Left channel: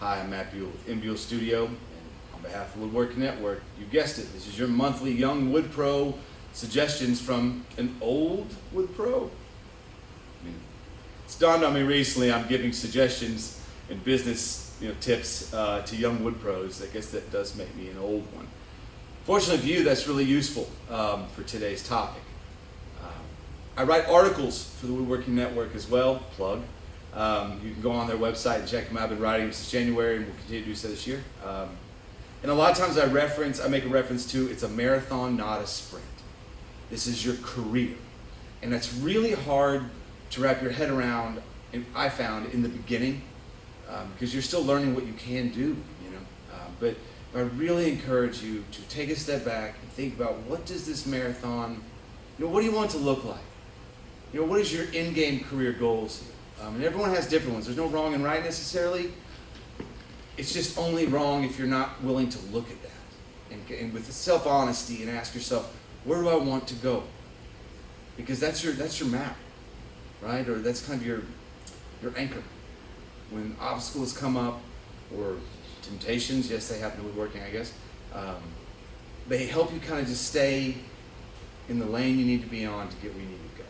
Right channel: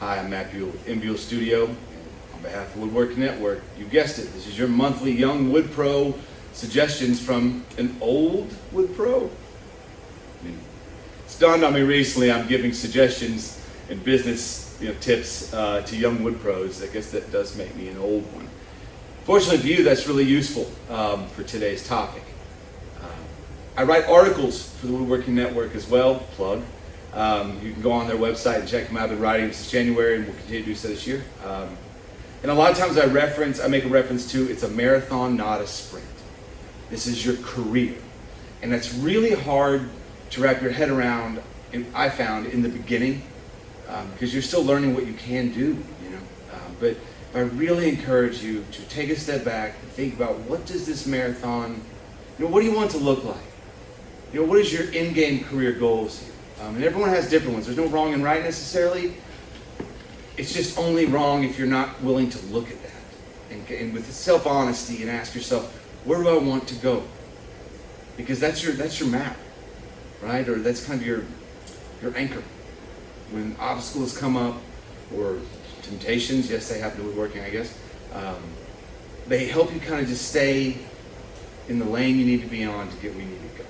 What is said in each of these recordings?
Hi, I'm Matt Buell with M Buell Studio. And on behalf of Woodworking Network, you guessed it, this is your monthly Young Wood Pro suggestions from an old Wood Pro. It's dawned on me recently I'm giving suggestions and business tips to young wood pros. I guess that does make me an old one. Fortunately for you, that's really useful for today's topic. I write articles for the Woodworking Network as well, plug. You can go on their website and check them out. I've been writing them since January and we'll continue to do so this year. And a lot of times I make a reference to it's a marathon, not a sprint. This is your career. And that's really hard to wrap your head around, and I found in the beginning, because you're still learning what you can do, but I really encourage you to take a step back and think about what does this marathon, what do you want it to look like? What is your in-game career goals here? And everyone has different ones. There's no wrong and right necessarily. It's just only wrong if you're not willing to look at that and with self-honesty and ask yourself, where do I want to go? Because that's your map, right? Or that's kind of your anchor. When obstacles come up or temptations, yes, they happen to woodworking, I guess, they help you kind of just stay in the lane you need to be on to get where you need to go.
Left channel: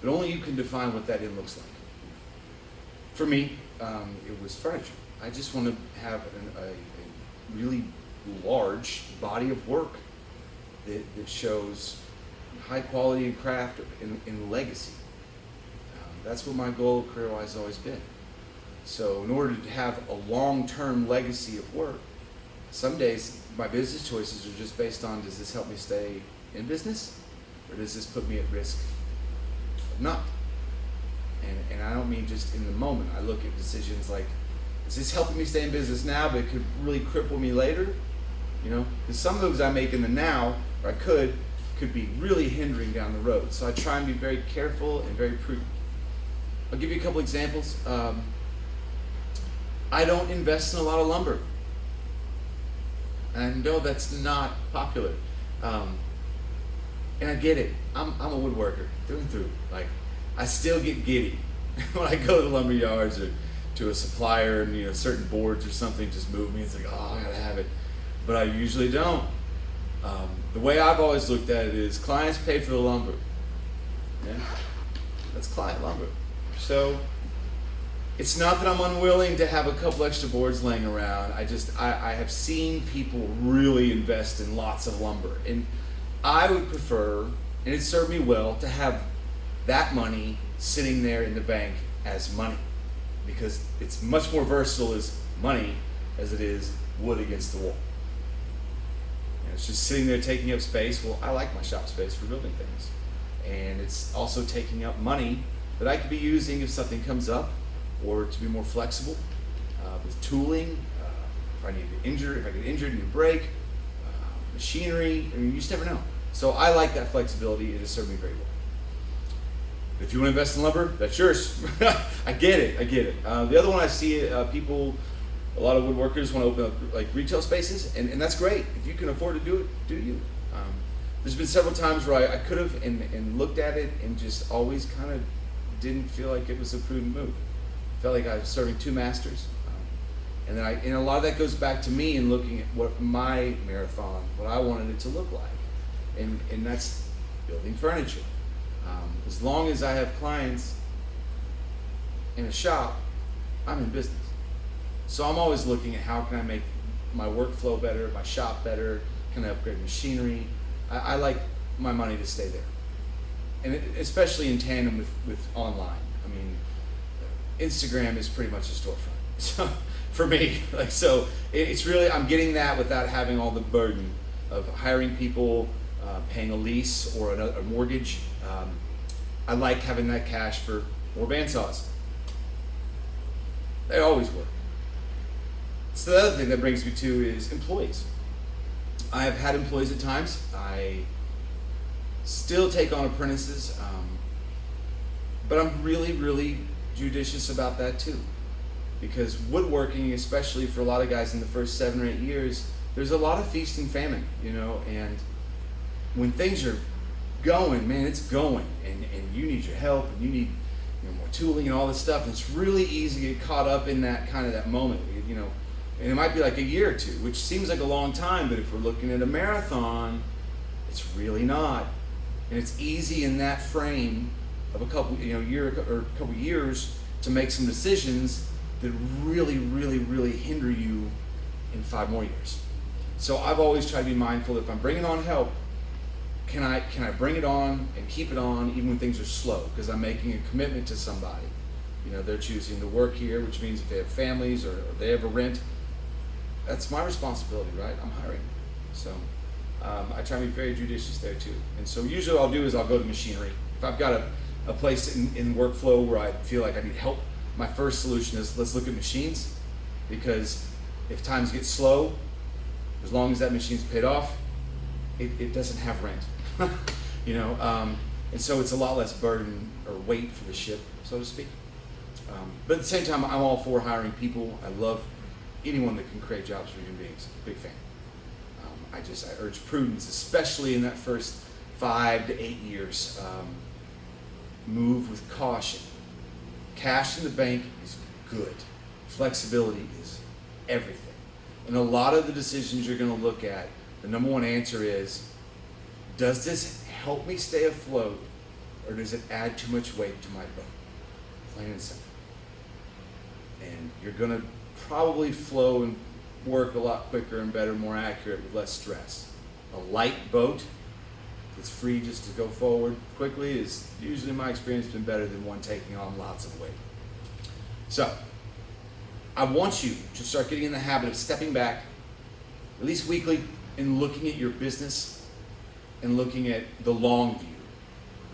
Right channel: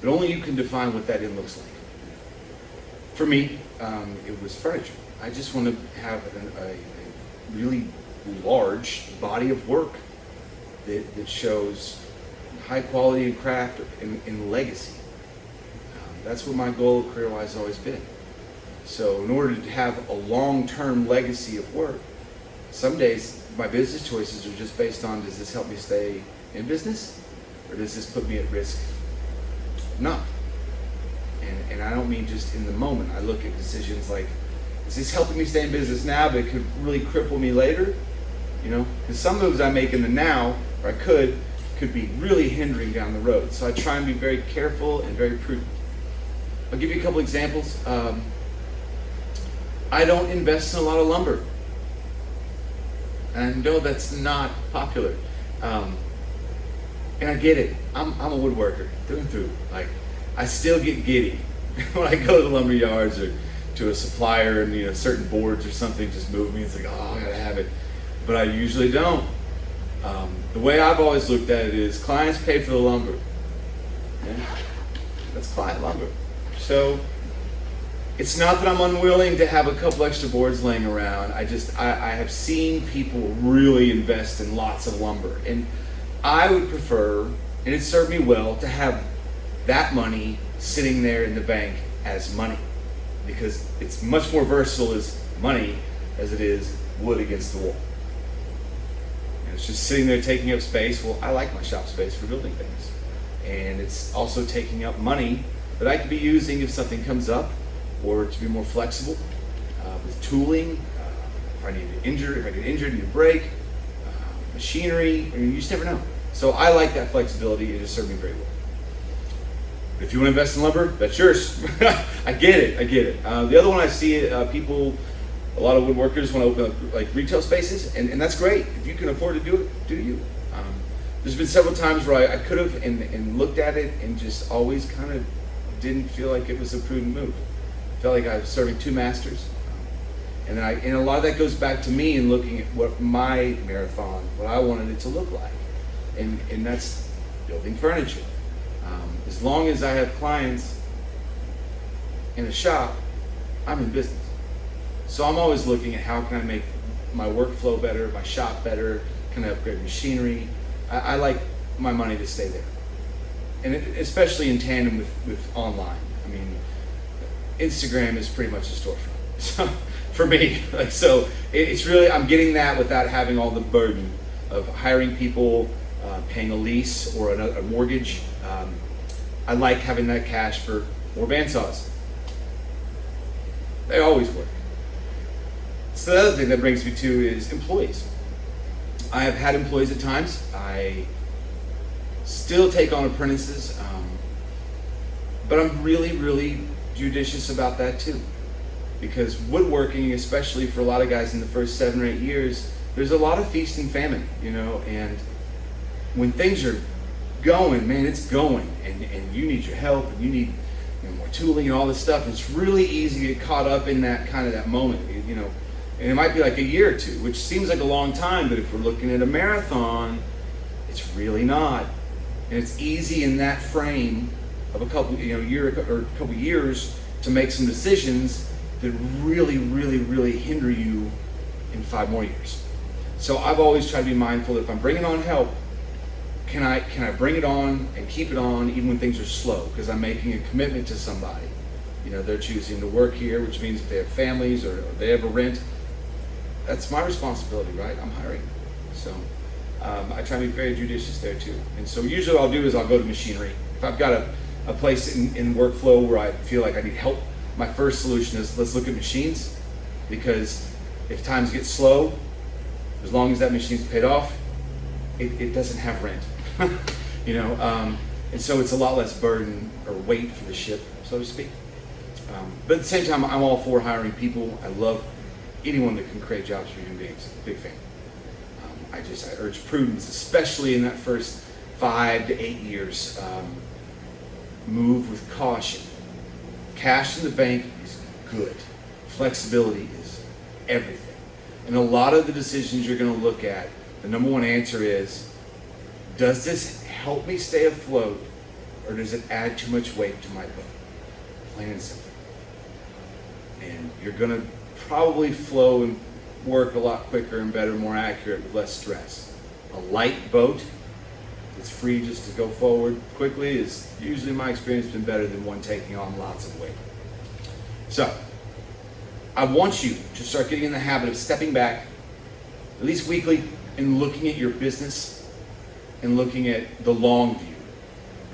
But only you can define what that looks like. For me, it was furniture. I just want to have a really large body of work that shows high quality in craft and legacy. That's what my goal career-wise has always been. So in order to have a long-term legacy of work, some days my business choices are just based on, does this help me stay in business or does this put me at risk of not? And I don't mean just in the moment. I look at decisions like, is this helping me stay in business now, but it could really cripple me later? Because some moves I make in the now, or I could be really hindering down the road. So I try and be very careful and very prudent. I'll give you a couple examples. I don't invest in a lot of lumber. And I know that's not popular. And I get it. I'm a woodworker through and through. I still get giddy when I go to the lumber yards or to a supplier and certain boards or something just move me. It's like, oh, I gotta have it. But I usually don't. The way I've always looked at it is clients pay for the lumber. Yeah? That's client lumber. So it's not that I'm unwilling to have a couple extra boards laying around. I have seen people really invest in lots of lumber. And I would prefer, and it served me well, to have that money sitting there in the bank as money, because it's much more versatile as money as it is wood against the wall. And it's just sitting there taking up space. Well, I like my shop space for building things. And it's also taking up money that I could be using if something comes up, or to be more flexible with tooling. If I get injured, need a break, machinery, you just never know. So I like that flexibility. It has served me very well. If you want to invest in lumber, that's yours. I get it. The other one I see a lot of woodworkers want to open up retail spaces, and that's great. If you can afford to do it, do you. There's been several times where I could have and looked at it and just always kind of didn't feel like it was a prudent move. Felt like I was serving two masters. And a lot of that goes back to me and looking at what my marathon, what I wanted it to look like. And that's building furniture. As long as I have clients in a shop, I'm in business. So I'm always looking at how can I make my workflow better, my shop better, can I upgrade machinery? I like my money to stay there. And especially in tandem with online. I mean, Instagram is pretty much a storefront. So for me, it's really, I'm getting that without having all the burden of hiring people, paying a lease or a mortgage. I like having that cash for more bandsaws. They always work. So the other thing that brings me to is employees. I have had employees at times. I still take on apprentices, but I'm really, really judicious about that too. Because woodworking, especially for a lot of guys in the first 7 or 8 years, there's a lot of feast and famine, and when things are going, man, it's going, and you need your help, and you need more tooling and all this stuff. It's really easy to get caught up in that kind of that moment, you know. And it might be like a year or two, which seems like a long time, but if we're looking at a marathon, it's really not. And it's easy in that frame of a couple, year or a couple years to make some decisions that really, really, really hinder you in 5 more years. So I've always tried to be mindful that if I'm bringing on help, can I bring it on and keep it on even when things are slow? Because I'm making a commitment to somebody. You know, they're choosing to work here, which means if they have families or they have a rent, that's my responsibility, right? I'm hiring. So I try to be very judicious there too. And so usually what I'll do is I'll go to machinery. If I've got a place in workflow where I feel like I need help, my first solution is let's look at machines, because if times get slow, as long as that machine's paid off, it doesn't have rent. And so it's a lot less burden or weight for the ship, so to speak. But at the same time, I'm all for hiring people. I love anyone that can create jobs for human beings. Big fan. I urge prudence, especially in that first 5 to 8 years. Move with caution. Cash in the bank is good. Flexibility is everything. And a lot of the decisions you're going to look at, the number one answer is, does this help me stay afloat, or does it add too much weight to my boat? Plain and simple. And you're going to probably flow and work a lot quicker and better, more accurate, with less stress. A light boat that's free just to go forward quickly is usually, in my experience, been better than one taking on lots of weight. So I want you to start getting in the habit of stepping back, at least weekly, and looking at your business and looking at the long view.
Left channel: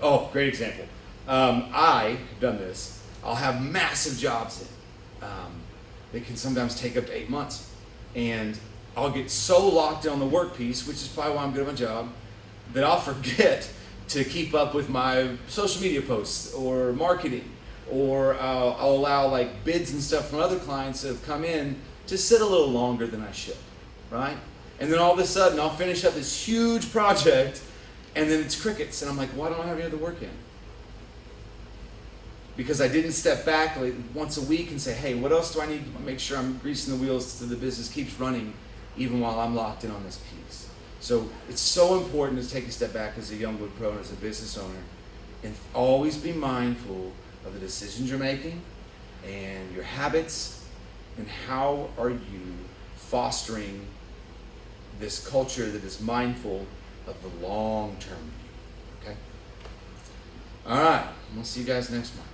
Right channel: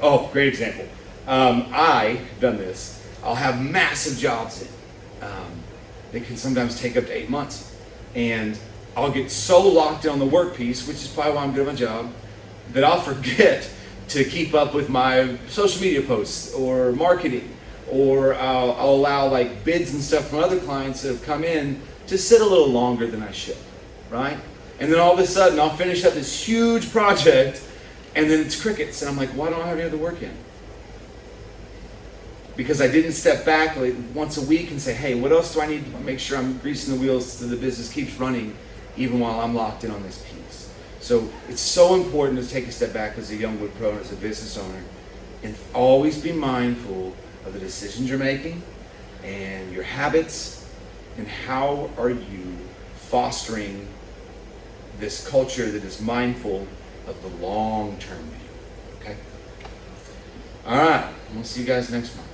Oh, great example. I have done this. I'll have massive jobs in. They can sometimes take up to 8 months. And I'll get so locked in on the work piece, which is probably why I'm good at my job, that I'll forget to keep up with my social media posts or marketing, or I'll allow like bids and stuff from other clients that have come in to sit a little longer than I should, right? And then all of a sudden I'll finish up this huge project and then it's crickets, and I'm like, why don't I have any other work in? Because I didn't step back like once a week and say, hey, what else do I need to make sure I'm greasing the wheels so the business keeps running even while I'm locked in on this piece. So it's so important to take a step back as a young wood pro and as a business owner, and always be mindful of the decisions you're making and your habits, and how are you fostering this culture that is mindful of the long-term view. Okay? All right, we'll see you guys next month.